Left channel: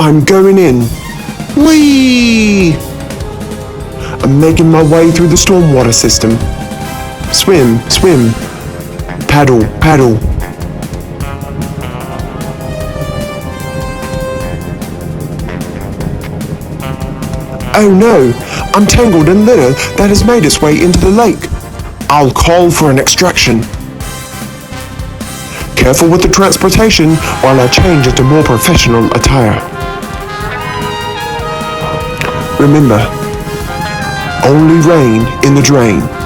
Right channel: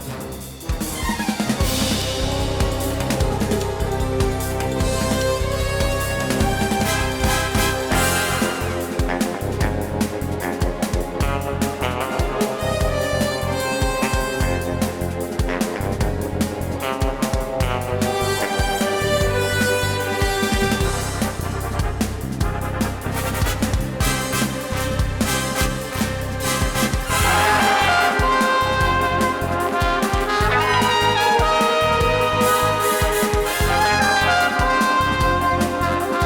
I'm going in. Whee! I'm making my way through the stormwater system. Swim, swim. Paddle, paddle. Oh no, I'm tangled in litter that has made its way into the lake. I'll call for an extraction. Careful with the transportation while I change into more professional attire. Remember, only rain in the drain.